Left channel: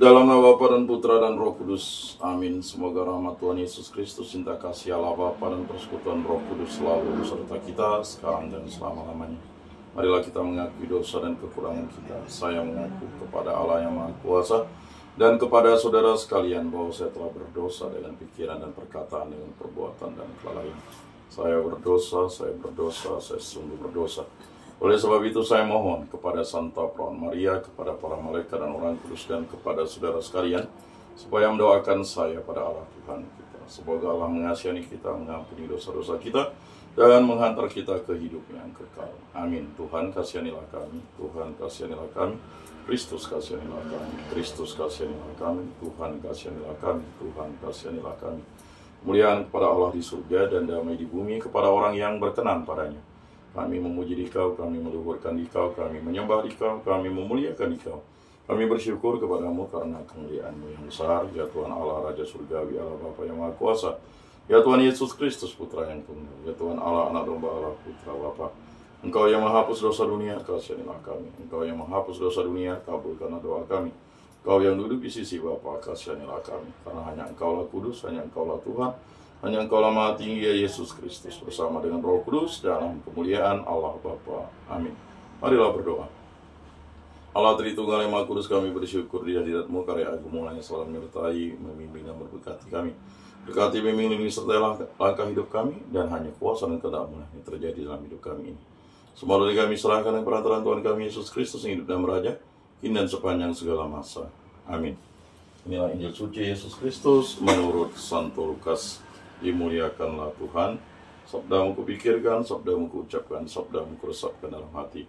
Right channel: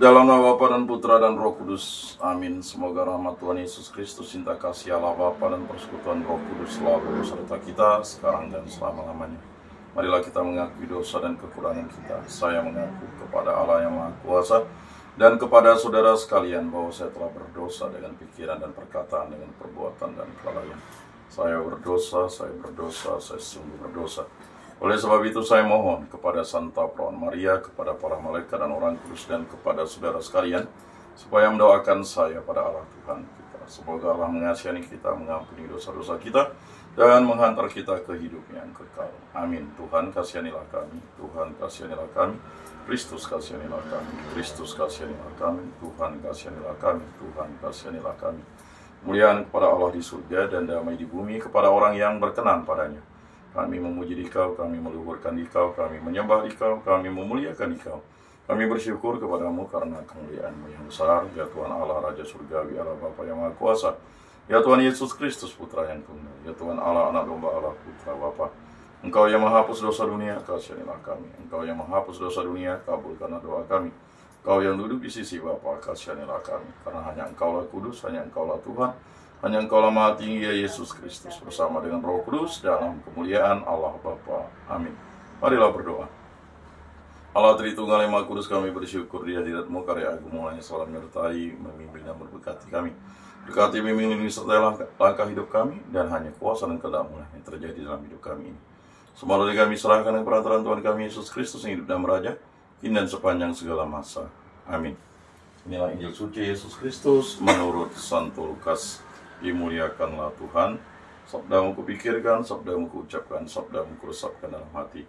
Dalam nama Bapa dan Putra dan Roh Kudus, amin. Semoga rahmat Tuhan Yesus Kristus, cinta kasih Allah Bapa dan persekutuan Roh Kudus selalu beserta kita sekarang dan selama-lamanya. Marilah kita mengakui dosa dan kekurangan kita. Saya mengaku kepada Allah yang Maha Kuasa dan kepada saudara sekalian bahwa saya telah berdosa dengan pikiran dan perkataan, dengan perbuatan dan kelalaian. Saya berdosa, saya sungguh berdosa. Oleh sebab itu saya mohon kepada Santa Perawan Maria, kepada para malaikat dan orang kudus, dan kepada saudara sekalian, supaya mendoakan saya pada Allah Tuhan kita. Semoga Allah mengasihani kita, mengampuni dosa-dosa kita, dan menghantar kita ke hidup yang kekal. Amin. Tuhan kasihanilah kami, Tuhan kasihanilah kami, Kristus kasihanilah kami, Kristus kasihanilah kami, Tuhan kasihanilah kami, Tuhan kasihanilah kami. Kemuliaan kepada Allah di surga dan damai di bumi kepada orang yang berkenan padanya. Kami memuji Dikau, kami meluhurkan Dikau, kami menyembah Dikau, kami memuliakan Dikau. Kami bersyukur kepadamu karena kemuliaan-Mu yang besar, ya Tuhan Allah, Raja Surgawi, Allah Bapa yang Maha Kuasa. Ya Tuhan Yesus Kristus, Putra yang tunggal. Ya Tuhan Allah, Anak Domba Allah, Putra Bapa. Engkau yang menghapus dosa dunia, kasihanilah kami. Engkau yang menghapus dosa dunia, kabulkanlah doa kami. Engkau yang duduk di sisi Bapa, kasihanilah kami. Karena hanya Engkaulah kudus, hanya Engkaulah Tuhan. Hanya Engkaulah Maha Tinggi, ya Yesus Kristus, bersama dengan Roh Kudus dalam kemuliaan Allah Bapa. Amin. Marilah berdoa. Allah Tritunggal yang Maha Kudus, kami bersyukur di hadirat-Mu, karya agung mulanya selalu menyertai, memimpin dan memberkati kami. Berkati, bimbing, lindungi, sertai langkah hidup kami, dan hanya kuasa dan kehendak-Mu yang terjadi dalam hidup kami ini. Semua dari kami serahkan dengan perantaraan Tuhan kami Yesus Kristus yang hidup dan meraja, kini dan sepanjang segala masa. Amin. Inilah Injil suci Yesus Kristus menurut Santo Lukas. Dimuliakanlah Tuhan. Sabdamu kupikirkan, sabdamu kuucapkan, sabdamu kuresapkan dalam hati.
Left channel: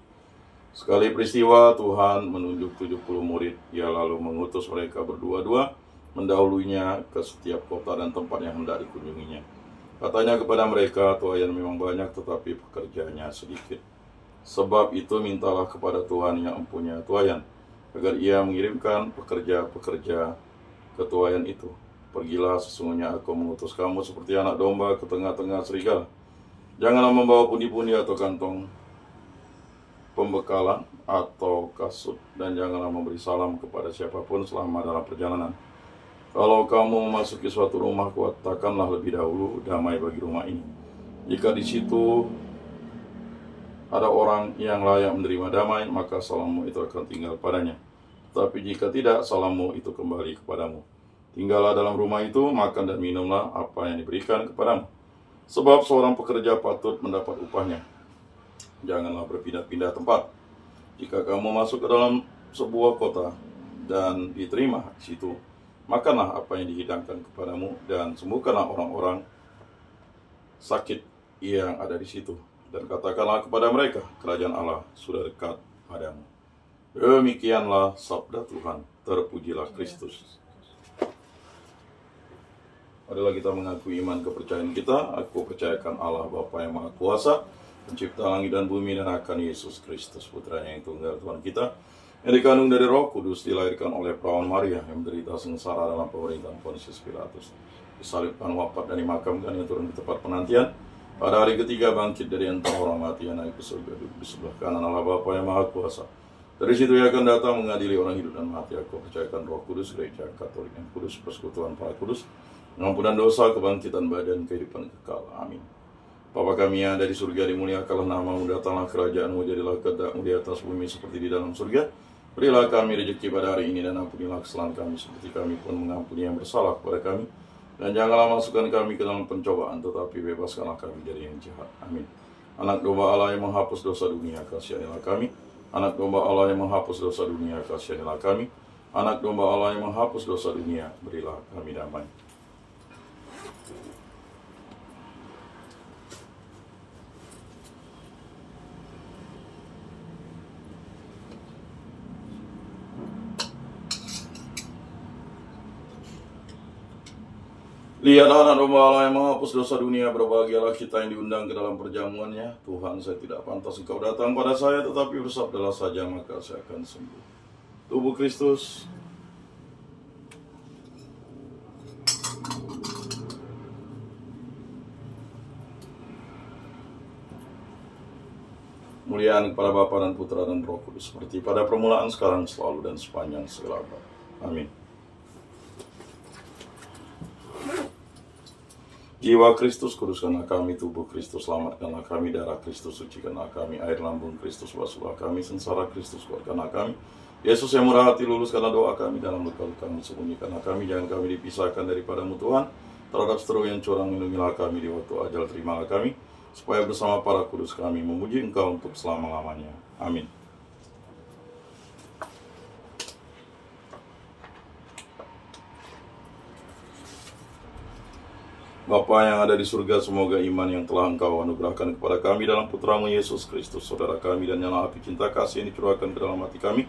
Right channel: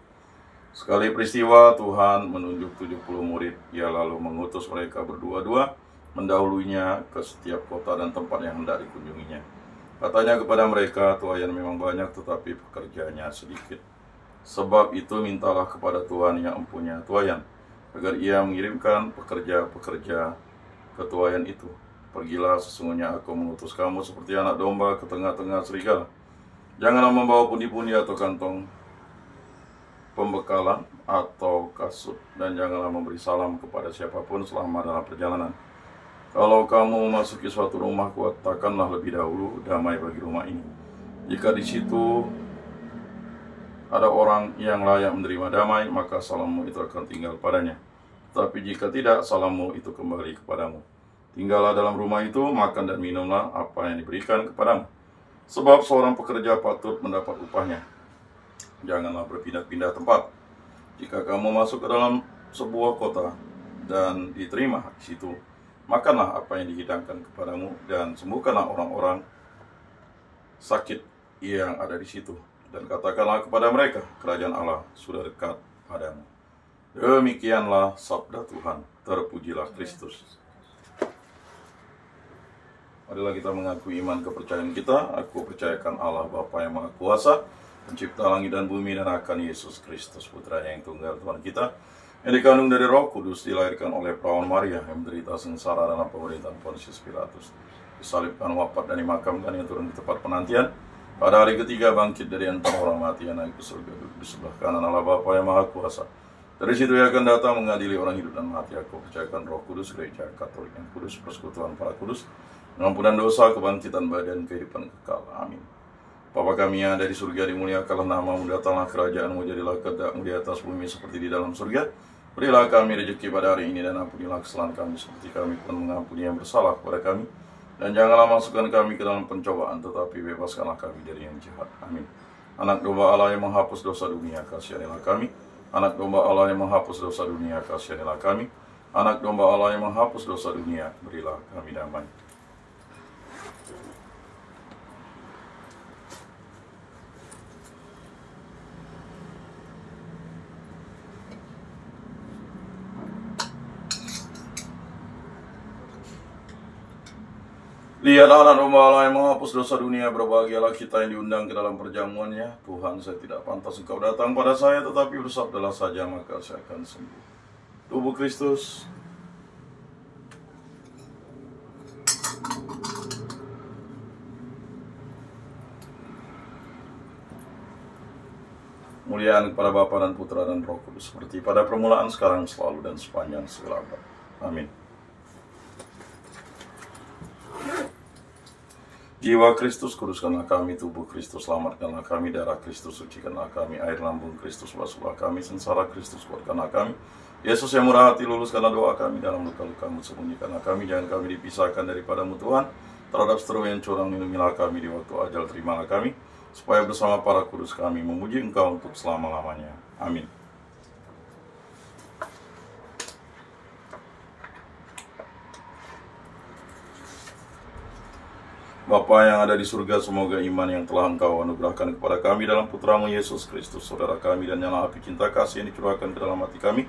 Sekali peristiwa Tuhan menunjuk 70 murid. Ia lalu mengutus mereka berdua-dua, mendahulunya ke setiap kota dan tempat yang hendak dikunjunginya. Katanya kepada mereka, tuaian memang banyak tetapi pekerjanya sedikit. Sebab itu mintalah kepada Tuhan yang empunya tuaian, agar ia mengirimkan pekerja-pekerja ke tuaian itu. Pergilah, sesungguhnya aku mengutus kamu seperti anak domba ke tengah-tengah serigala. Janganlah membawa pundi-pundi atau kantong pembekalan atau kasut, dan janganlah memberi salam kepada siapapun selama dalam perjalanan. Kalau kamu memasuki suatu rumah, katakanlah lebih dahulu, damai bagi rumah ini. Jika di situ ada orang yang layak menerima damai, maka salammu itu akan tinggal padanya. Tapi jika tidak, salammu itu kembali kepadamu. Tinggallah dalam rumah itu, makan dan minumlah apa yang diberikan kepadamu. Sebab seorang pekerja patut mendapat upahnya. Janganlah berpindah-pindah tempat. Jika kamu masuk ke dalam sebuah kota dan diterima di situ, makanlah apa yang dihidangkan kepadamu dan sembuhkanlah orang-orang sakit yang ada di situ. Dan katakanlah kepada mereka, kerajaan Allah sudah dekat padamu. Demikianlah sabda Tuhan. Terpujilah Kristus. Marilah kita mengakui iman kepercayaan kita. Aku percayakan Allah Bapa yang Maha Kuasa, pencipta langit dan bumi, dan akan Yesus Kristus, Putra yang tunggal Tuhan kita, yang dikandung dari Roh Kudus, dilahirkan oleh Perawan Maria, yang menderita sengsara dalam pemerintahan Pontius Pilatus, disalibkan, wafat, dan dimakamkan, yang turun di tempat penantian. Pada hari ketiga bangkit dari antara orang mati, yang naik ke surga, duduk di sebelah kanan Allah Bapa yang Maha Kuasa. Dari situ ia akan datang mengadili orang hidup dan mati. Aku percayakan Roh Kudus, Gereja Katolik yang kudus, persekutuan para kudus, pengampunan dosa, kebangkitan badan, kehidupan kekal. Amin. Bapa kami yang ada di surga, dimuliakanlah namamu, datanglah kerajaanmu, jadilah kehendakmu di atas bumi seperti di dalam surga. Berilah kami rezeki pada hari ini, dan ampunilah kesalahan kami seperti kami pun mengampuni yang bersalah kepada kami. Dan janganlah masukkan kami ke dalam pencobaan, tetapi bebaskanlah kami dari yang jahat. Amin. Anak domba Allah yang menghapus dosa dunia, kasihanilah kami. Anak domba Allah yang menghapus dosa dunia, kasihanilah kami. Anak domba Allah yang menghapus dosa dunia, berilah kami damai. Lihat anak domba Allah yang menghapus dosa dunia, berbahagialah kita yang diundang ke dalam perjamuannya. Tuhan, saya tidak pantas Engkau datang pada saya, tetapi bersabdalah saja, maka saya akan sembuh. Tubuh Kristus. Kemuliaan kepada Bapa dan Putra dan Roh Kudus, seperti pada permulaan, sekarang, selalu, dan sepanjang segala abad. Amin. Jiwa Kristus kuduskanlah kami, tubuh Kristus selamatkanlah kami, darah Kristus sucikanlah kami, air lambung Kristus basuhlah kami, sengsara Kristus kuatkanlah kami. Yesus yang murah hati, luluskanlah doa kami, dalam luka-lukamu sembunyikanlah kami, jangan kami dipisahkan daripadamu Tuhan. Terhadap seteru yang curang lindungilah kami, di waktu ajal terimalah kami, supaya bersama para kudus kami memuji Engkau untuk selama-lamanya. Amin. Bapa yang ada di surga, semoga iman yang telah Engkau anugerahkan kepada kami dalam Putramu Yesus Kristus, Saudara kami, dan nyala api cinta kasih yang dicurahkan ke dalam hati kami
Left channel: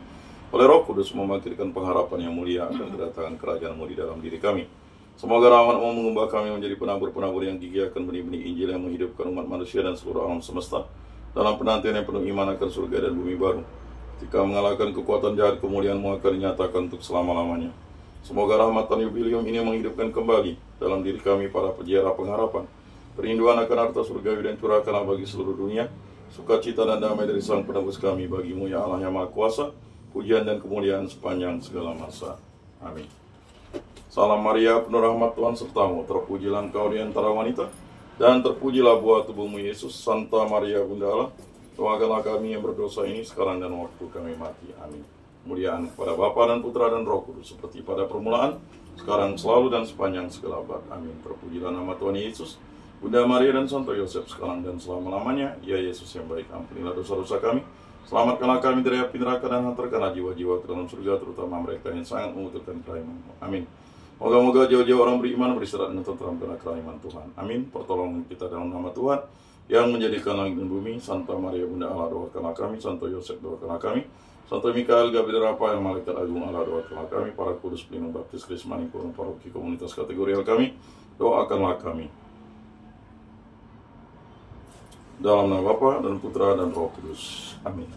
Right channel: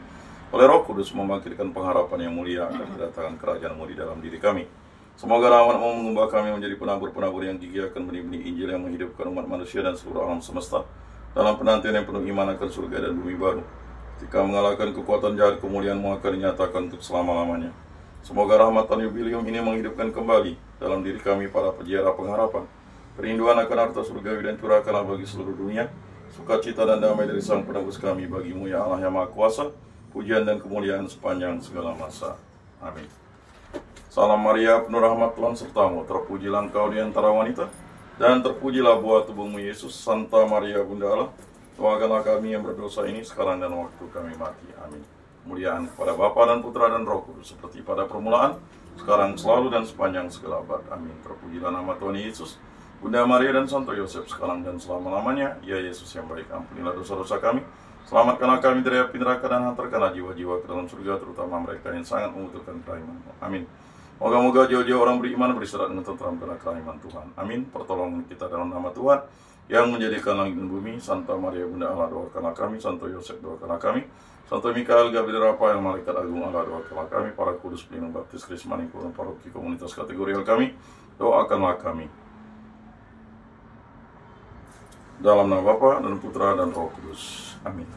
oleh Roh Kudus membangkitkan pengharapan yang mulia akan kedatangan kerajaan-Mu di dalam diri kami. Semoga rahmat-Mu mengubah kami menjadi penabur-penabur yang gigih akan benih-benih Injil yang menghidupkan umat manusia dan seluruh alam semesta dalam penantian yang penuh iman akan surga dan bumi baru. Ketika mengalahkan kekuatan jahat, kemuliaan-Mu akan dinyatakan untuk selama-lamanya. Semoga rahmatan yubilium ini menghidupkan kembali dalam diri kami para peziarah pengharapan kerinduan akan harta surgawi, dan curahkanlah bagi seluruh dunia sukacita dan damai dari Sang Penebus kami. Bagi-Mu ya Allah yang Maha Kuasa, pujian dan kemuliaan sepanjang segala masa. Amin. Salam Maria, penuh rahmat Tuhan sertamu, terpujilah Engkau di antara wanita, dan terpujilah buah tubuhmu Yesus. Santa Maria Bunda Allah, doakanlah kami yang berdosa ini sekarang dan waktu kami mati. Amin. Kemuliaan kepada Bapa dan Putra dan Roh Kudus, seperti pada permulaan, sekarang, selalu, dan sepanjang segala abad. Amin. Terpujilah nama Tuhan Yesus, Bunda Maria dan Santo Yosef, sekarang dan selama-lamanya. Ya Yesus yang baik, ampunilah dosa-dosa kami, selamatkanlah kami dari api neraka, dan hantarkanlah jiwa-jiwa ke dalam surga, terutama mereka yang sangat membutuhkan kerahiman-Mu. Amin. Moga-moga jauh-jauh orang beriman beristirahat dengan tentram karena kerahiman Tuhan. Amin. Pertolongan kita dalam nama Tuhan yang menjadikan langit dan bumi. Santa Maria Bunda Allah, doakanlah kami. Santo Yosef, doakanlah kami. Santo Mikael, Gabriel, Rafael, Malaikat Agung Allah, doakanlah kami. Para kudus pelindung baptis, Krismani, Kurun, paroki, komunitas kategorial kami, doakanlah kami. Dalam nama Bapa dan Putra dan Roh Kudus. Amin.